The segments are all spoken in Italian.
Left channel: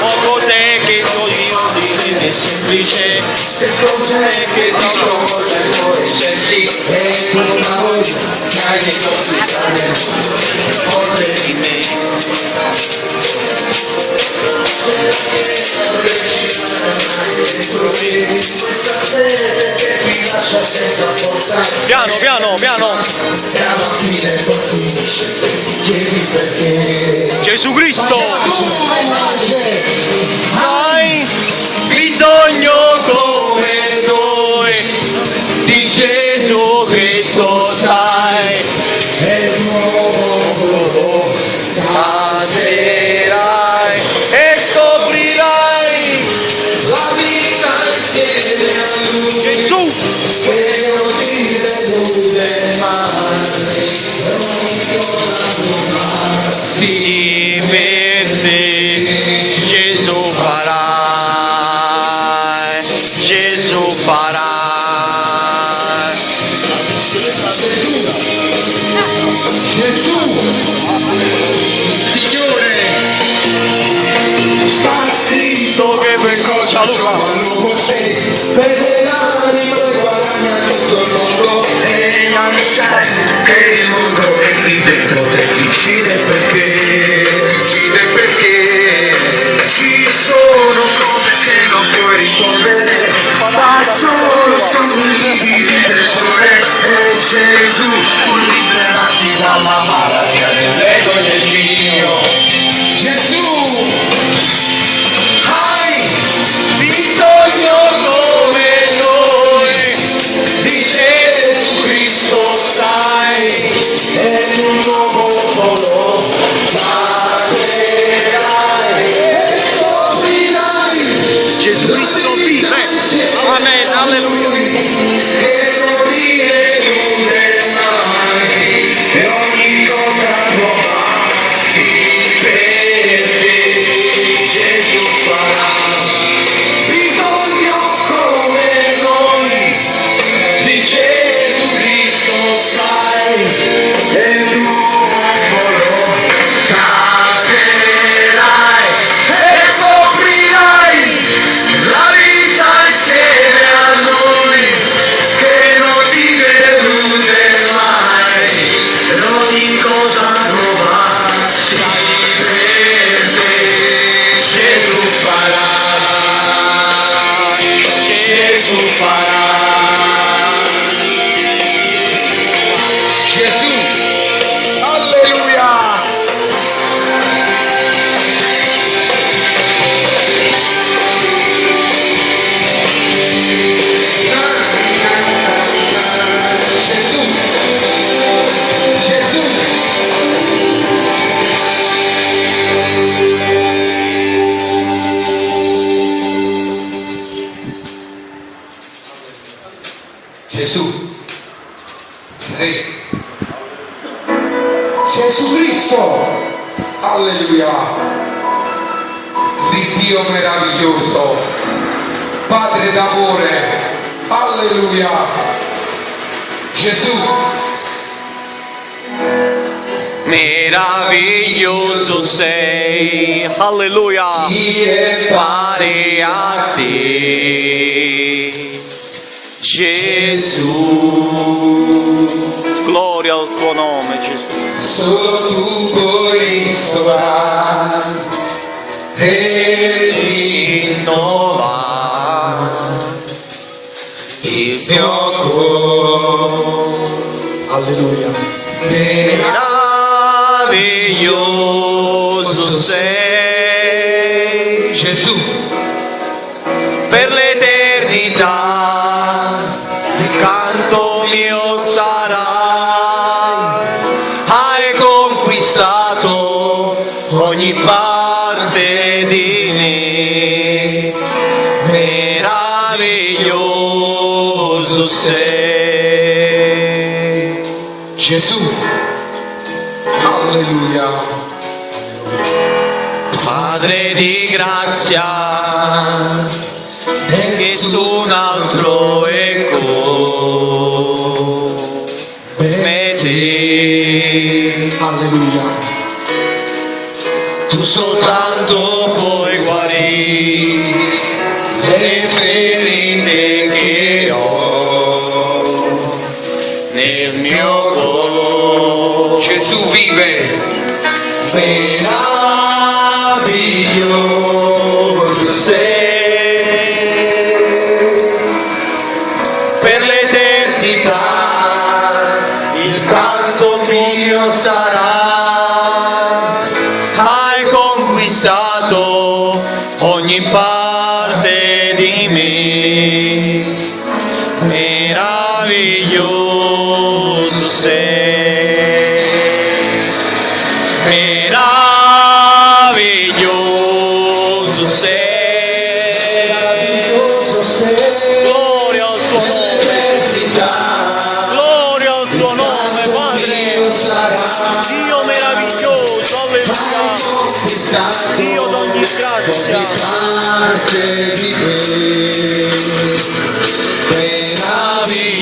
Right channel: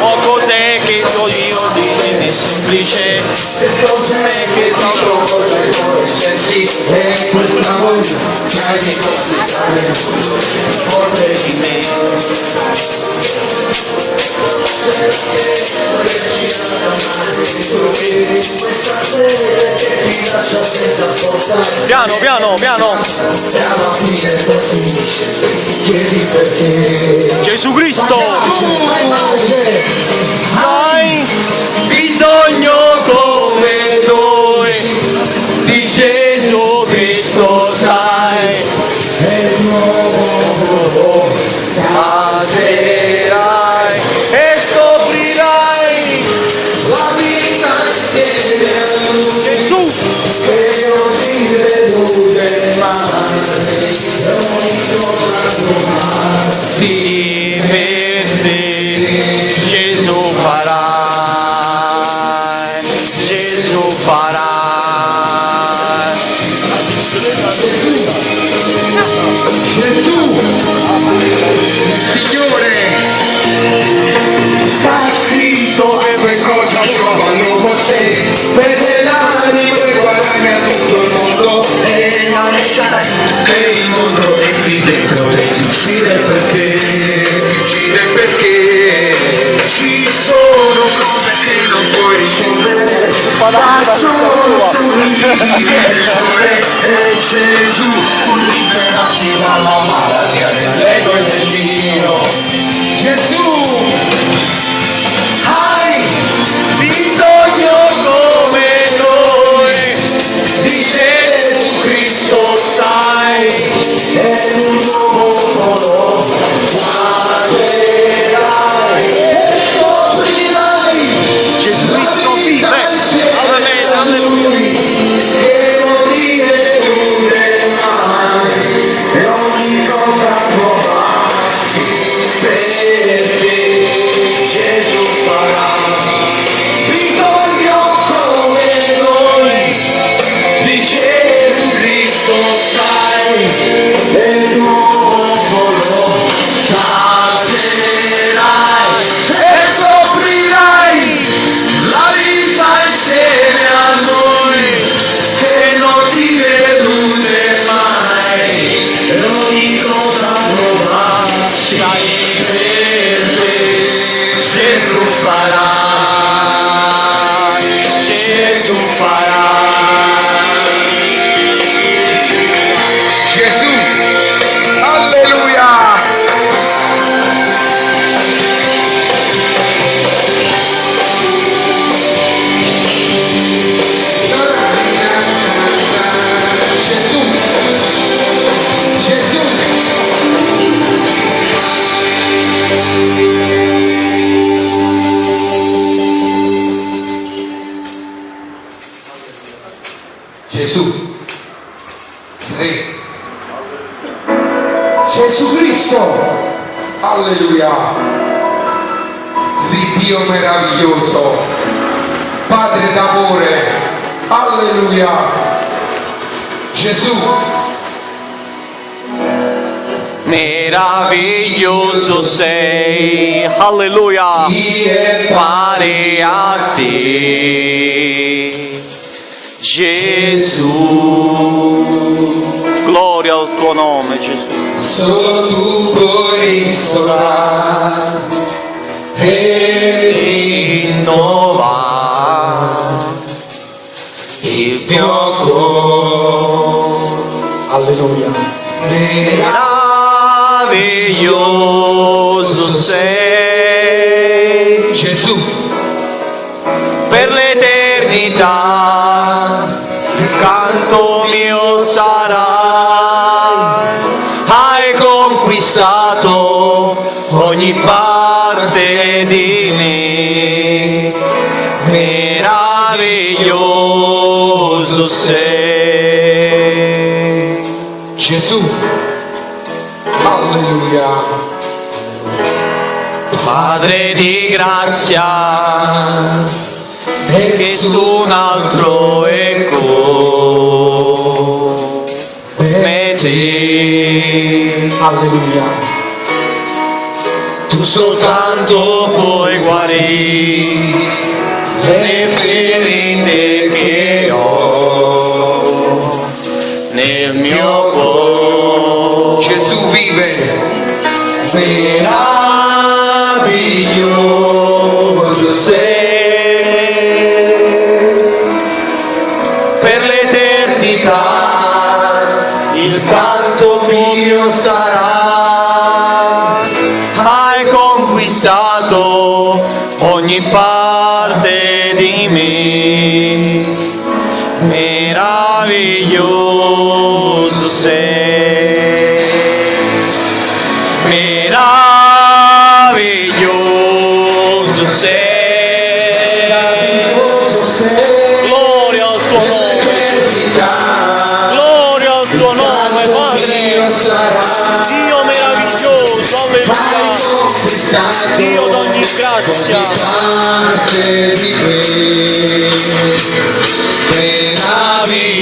O cos'è che io di semplice, cos'è che non può esserci, è questa voglia che hai di confessare forte di me. Piano, piano, piano. Gesù Cristo, hai bisogno come noi di Gesù Cristo, sai, e il nuovo passerai e scoprirai la vita insieme a Lui. Gesù, che non ti delude mai, sì, per te Gesù farà, Gesù farà. Gesù, Signore, sta scritto che per cosa trovano così, per l'anima e guadagna tutto il mondo e non sai che il mondo è qui dentro e ti uccide perché ci sono cose che non puoi risolvere, ma solo sorridere e Gesù può liberarti dalla malattia dell'ego e del mio. Gesù, hai bisogno come noi di Gesù Cristo, sai, è un nuovo passerai e scoprirai Gesù Cristo vive, alleluia, che non ti delude mai e ogni cosa nuova per te Gesù farà. Bisogno come noi di Gesù Cristo, sai, e tu lo caserai e scoprirai la vita insieme a noi che non ti delude mai e ogni cosa nuova sai per te Gesù farà, Gesù farà. Gesù, alleluia. Gesù, Re, Gesù Cristo, alleluia, Dio meraviglioso, Padre d'amore, alleluia, Gesù, meraviglioso sei, alleluia, pare a te. Gesù, gloria al tuo nome, Gesù. Solo tu puoi ristorare e rinnovare il mio cuore. Alleluia. Meraviglioso sei, Gesù, per l'eternità. Il canto mio sarà, hai conquistato ogni parte di me, meraviglioso sei. Gesù, alleluia. Padre di grazia, nessun altro è come te. Alleluia. Tu soltanto puoi guarire le ferite che ho nel mio cuore. Gesù vive, meraviglioso sei, per l'eternità il canto mio sarà. Hai conquistato ogni parte di me, meraviglioso sei, meraviglioso sei. Gloria al tuo nome, gloria al tuo nome, Padre. Dio meraviglioso, alleluia. Dio d'ogni grazia.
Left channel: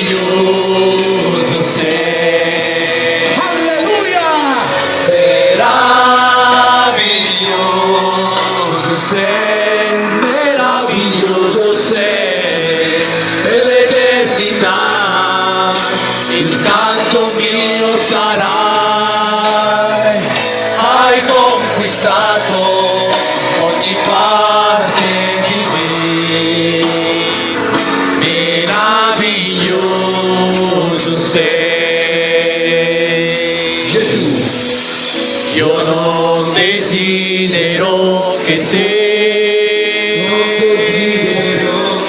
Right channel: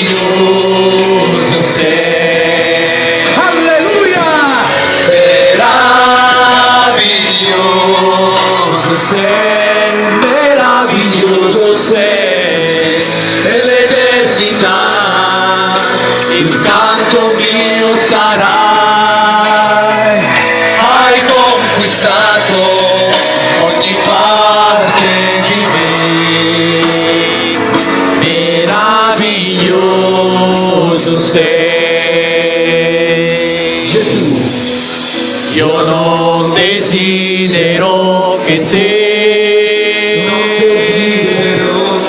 Meraviglioso sei. Alleluia. Meraviglioso sei. Meraviglioso sei. Per l'eternità il canto mio sarà. Hai conquistato ogni parte di me, meraviglioso sei. Gesù, io non desidero che te,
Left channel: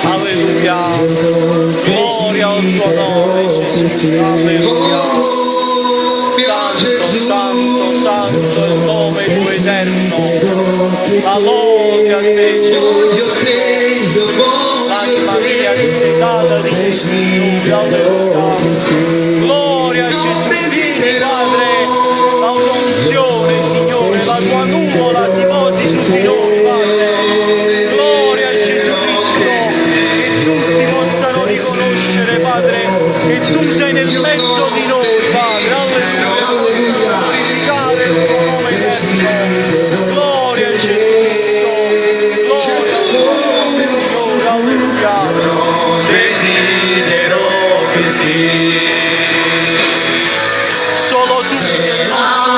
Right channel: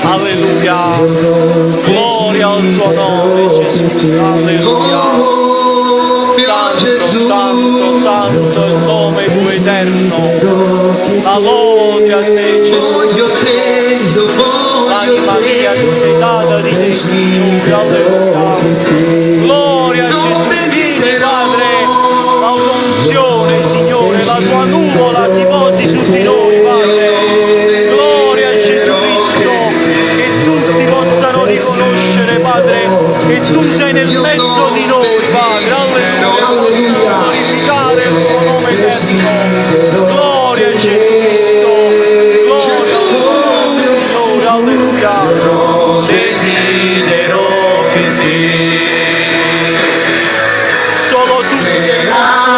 alleluia, gloria al tuo nome Gesù, alleluia. Santo, santo, santo è il nome tuo eterno. La lode a te, Gesù. L'anima mia ti sei data di te, Signore, alleluia. Gloria a Gesù, vieni, Padre, la tua unzione, Signore, la tua nuvola si posi su di noi, Padre. Gloria a Gesù Cristo, che tutti possano riconoscere, Padre, che tu sei nel mezzo di noi, Padre, alleluia. Glorificare il tuo nome eterno. Gloria a Gesù Cristo, gloria al tuo nome, Signore, alleluia. Desidero che te, solo tu sei il nostro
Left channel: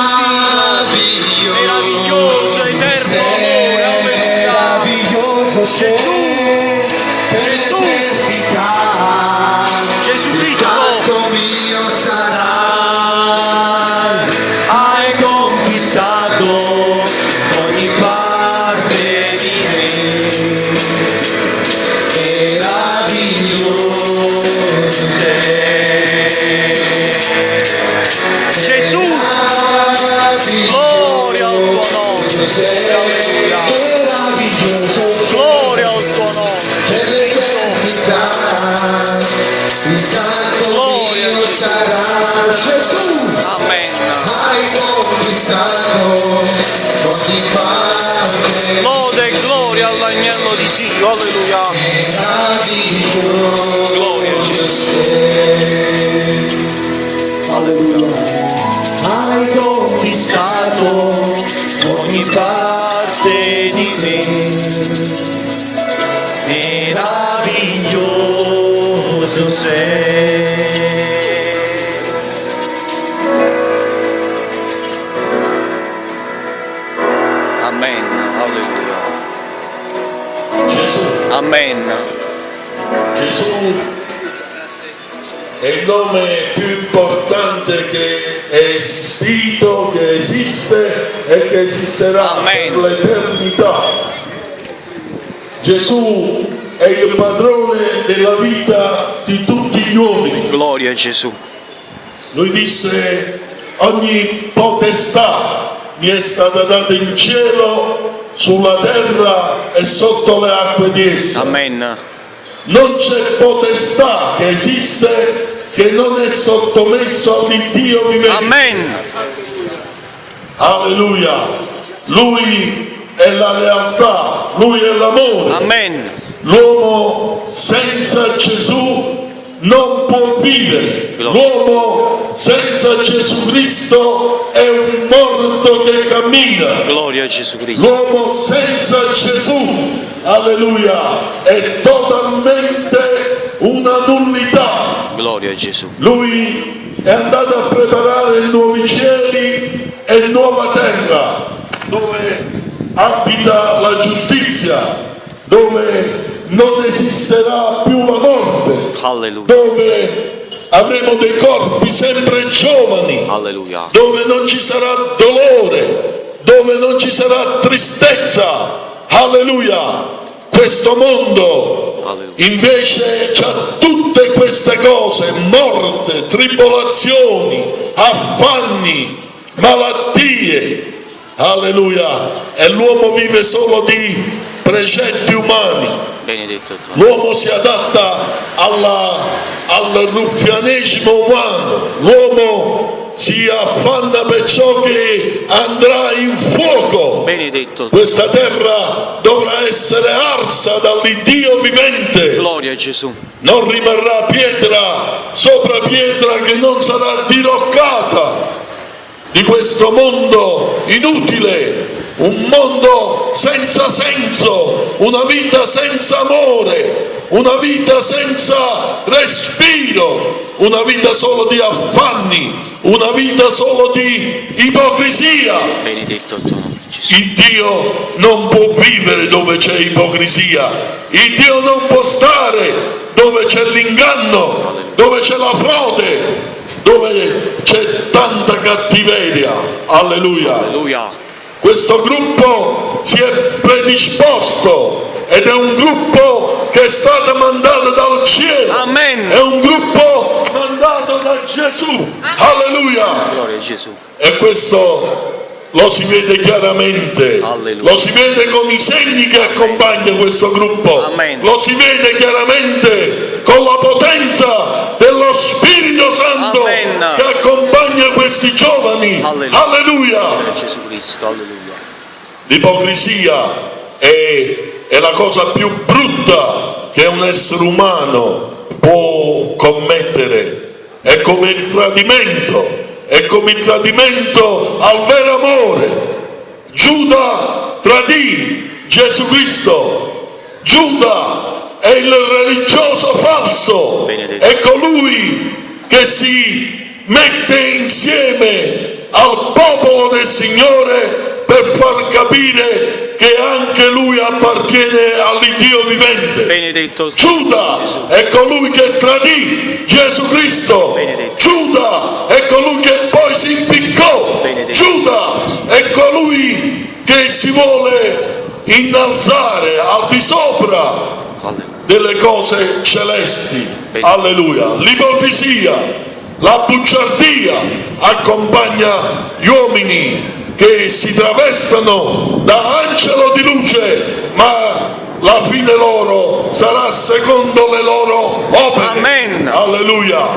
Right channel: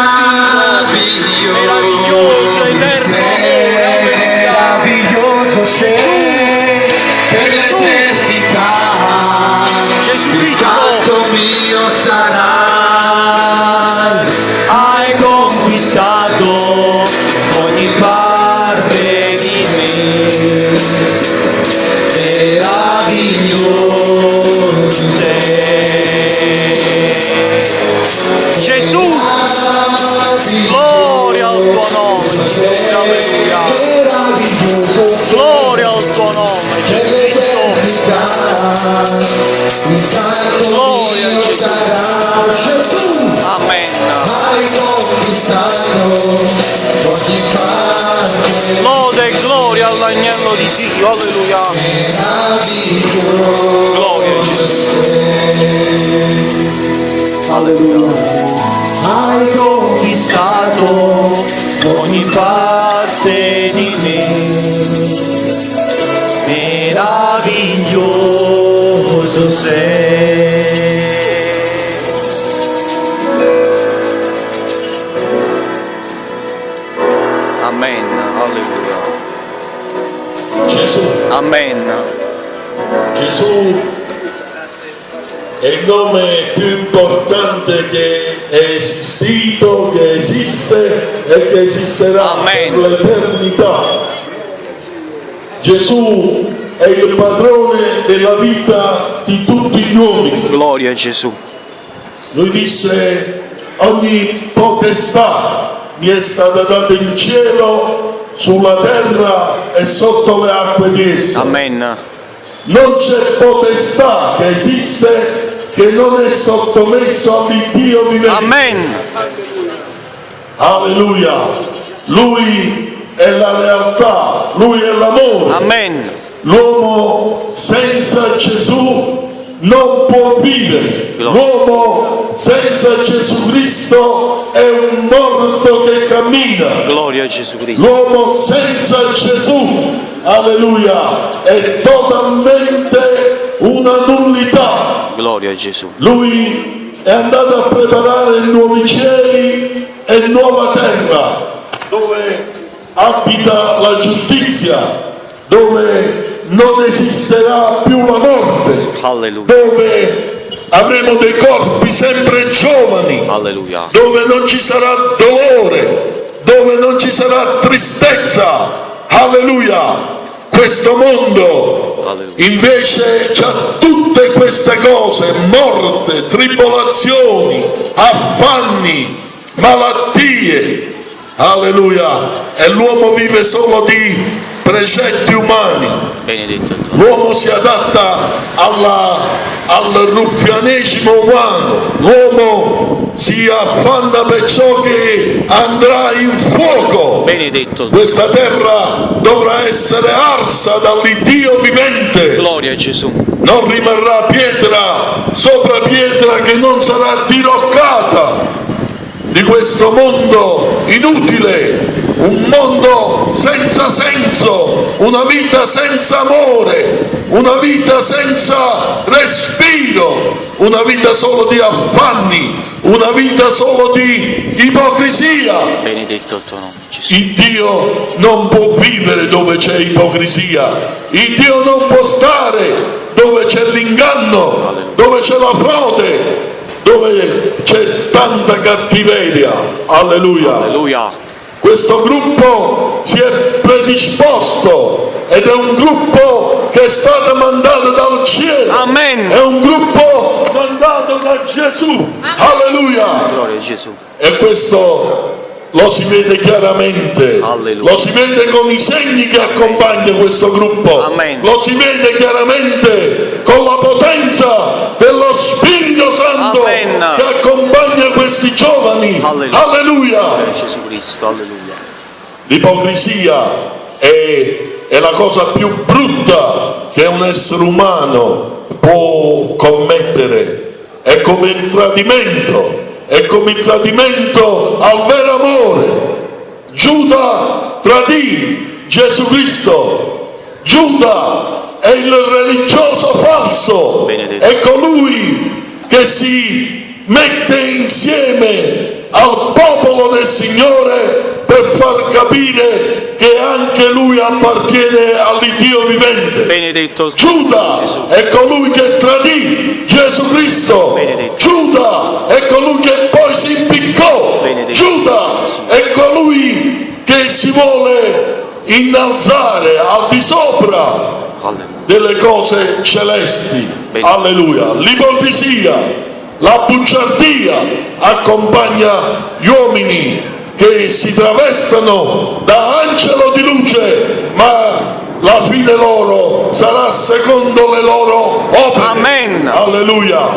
Dio, meraviglioso, eterno amore, alleluia. Meraviglioso sei, Gesù, Gesù Cristo, mio sarà. Hai conquistato ogni parte di me, meraviglioso sei. Gesù, gloria al tuo nome, Signore, alleluia. Gloria al tuo nome, Gesù Cristo. Gloria a Gesù. Amen. Lode e gloria all'agnello di Dio, alleluia. Gloria a Gesù. Alleluia. Hai conquistato ogni parte di me, meraviglioso sei. Amen, alleluia. Gesù. Amen. Gesù è il nome più importante che è esistito, che esiste e che esisterà. Amen. Per l'eternità. Gesù è il padrone della vita di tutti gli uomini. Gloria a Gesù. Lui disse: ogni potestà mi è stata data in cielo, sulla terra e sotto le acque di essa. Amen. Non c'è potestà che esiste che non è sottomesso all'Iddio vivente. Amen. Alleluia. Lui è la realtà, Lui è l'amore. Amen. L'uomo senza Gesù non può vivere. L'uomo senza Gesù Cristo è un morto che cammina. Gloria a Gesù Cristo. L'uomo senza Gesù, alleluia, è totalmente una nullità. Gloria a Gesù. Lui è andato a preparare nuovi cieli e nuova terra, dove abita la giustizia, dove non esisterà più la morte, Alleluia. dove avremo dei corpi sempre giovani, Alleluia. dove non ci sarà dolore, dove non ci sarà tristezza. Alleluia. Questo mondo Alleluia. invece c'ha tutte queste cose: morte, tribolazioni, affanni, malattie. Alleluia. E l'uomo vive solo di precetti umani. Benedetto il tuo. L'uomo si adatta al ruffianesimo umano. L'uomo si affanna per ciò che andrà in fuoco. Benedetto il tuo. Questa terra dovrà essere arsa dall'Iddio vivente. Gloria a Gesù. Non rimarrà pietra sopra pietra che non sarà diroccata di questo mondo inutile, un mondo senza senso, una vita senza amore, una vita senza respiro, una vita solo di affanni, una vita solo di ipocrisia. Benedetto il tuo nome, Gesù. Il Dio non può vivere dove c'è ipocrisia, il Dio non può stare dove c'è l'inganno, dove c'è la frode, dove c'è tanta cattiveria. Alleluia. Alleluia. Questo gruppo si è predisposto ed è un gruppo che è stato mandato dal cielo. Amen. È un gruppo mandato da Gesù. Alleluia. Gloria a Gesù. E questo lo si vede chiaramente. Alleluia. Lo si vede con i segni che accompagnano questo gruppo. Amen. Lo si vede chiaramente con la potenza dello Spirito Santo Amen. che accompagna questi giovani. Alleluia. Alleluia. Gloria a Gesù Cristo. Alleluia. L'ipocrisia è la cosa più brutta che un essere umano può commettere. È come il tradimento. È come il tradimento al vero amore. Giuda tradì Gesù Cristo. Giuda è il religioso falso. Benedetto. È colui che si mette insieme al popolo del Signore per far capire che anche lui appartiene all'Iddio vivente. Benedetto il Giuda Gesù. è colui che tradì Gesù Cristo. Benedetto. Giuda è colui che poi si impiccò. Benedetto. Giuda è colui che si vuole innalzare al di sopra Alleluia. delle cose celesti. Benedetto. Alleluia. L'ipocrisia, la bugiardia accompagna gli uomini che si travestono da angelo di luce, ma la fine loro sarà secondo le loro opere. Amen. Alleluia.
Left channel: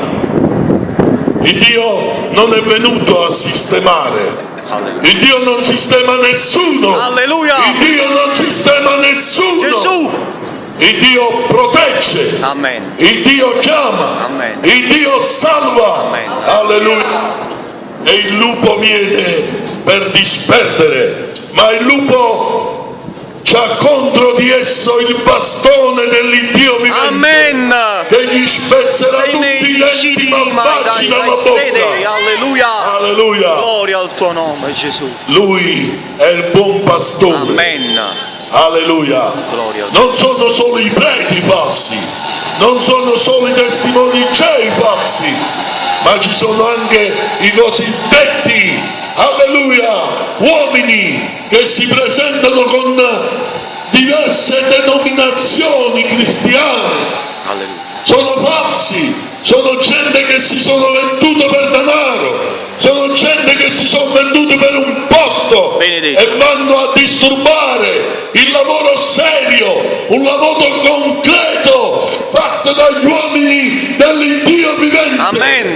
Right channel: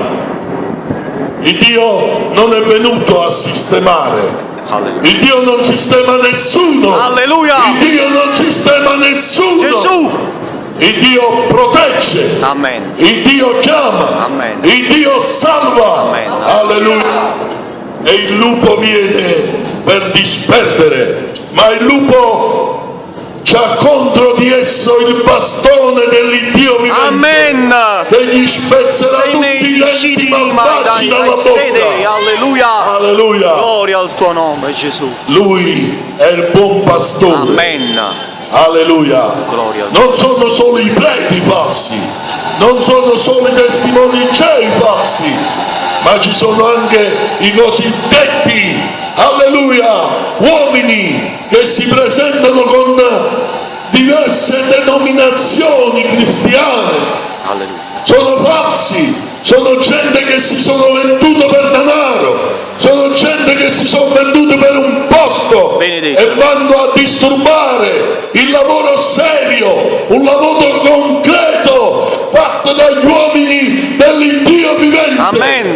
Il Dio non è venuto a sistemare. Alleluia. Il Dio non sistema nessuno. Alleluia. Il Dio non sistema nessuno. Gesù. Il Dio protegge. Amen. Il Dio chiama. Amen. Il Dio salva. Amen. Alleluia. E il lupo viene per disperdere, ma il lupo c'ha contro di esso il bastone dell'Iddio vivente. Amen. Che gli spezzerà Sei tutti nei i discidi denti mai malvagi dalla dai bocca. sede. Alleluia. Alleluia. Gloria al tuo nome, Gesù. Lui è il buon pastore. Amen. Alleluia. Gloria al tuo Non sono solo i preti falsi, non sono solo i testimoni di Gei falsi, ma ci sono anche i cosiddetti, alleluia, uomini che si presentano con diverse denominazioni cristiane. Alleluia. Sono falsi, sono gente che si sono venduto per denaro, sono gente che si sono venduti per un posto. Benedetto. E vanno a disturbare il lavoro serio, un lavoro concreto fatto dagli uomini dell'Iddio vivente. Amen.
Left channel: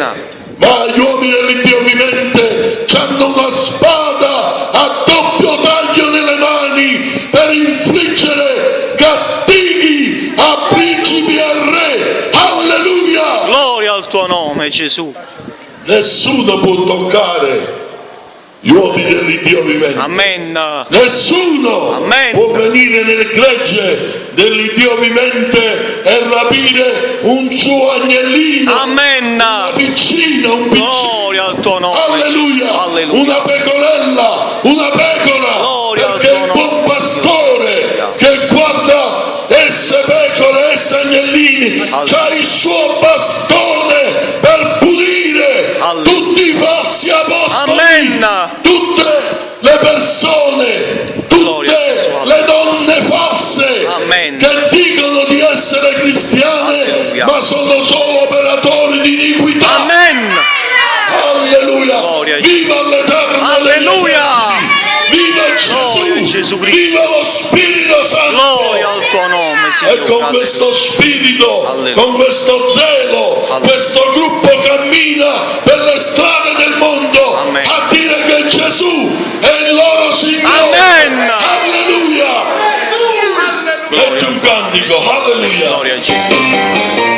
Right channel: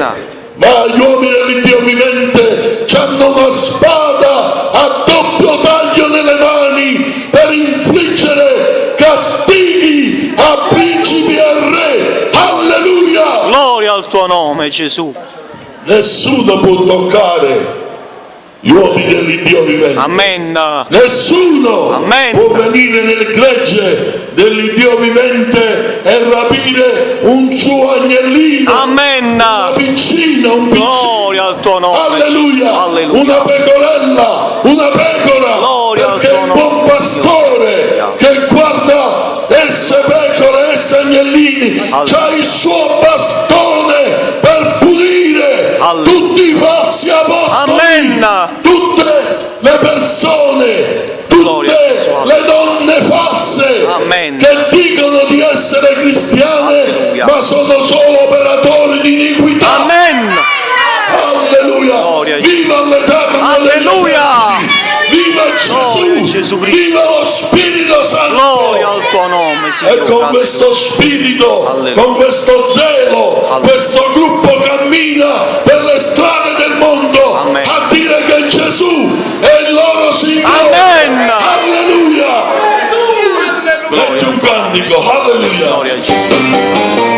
Ma gli uomini dell'Iddio vivente hanno una spada a doppio taglio nelle mani per infliggere castighi a principi e a re. Alleluia! nome Gesù. Nessuno può toccare gli uomini dell'Iddio vivente. Amen. Nessuno Amen. può venire nel gregge dell'Iddio vivente e rapire un suo agnellino. Amen. Un piccino. Gloria al tuo nome. Alleluia. Gesù. Alleluia. Una pecorella, una pecora. Gloria al perché tuo il nome. buon pastore che guarda esse pecore, esse agnellini, c'ha il suo bastone per pulire Alleluia. tutti i falsi apostoli. Amen. Tutte le persone, Gloria a tutte Gesù. le donne false Amen. che dicono di essere cristiane, Alleluia. ma sono solo operatori di iniquità. Amen. Alleluia. Gloria a Gesù. Viva l'Eterno. Alleluia. Viva Gesù. Gloria a Gesù Cristo. Viva lo Spirito Santo. Gloria al tuo nome, E Signore. con questo spirito, Alleluia. con questo zelo, Alleluia. questo gruppo cammina per le strade del mondo Amen. a dire che Gesù è il loro Signore. Amen. Alleluia. Gloria Leggi al un tuo nome. cantico. Alleluia. Gloria a Gesù.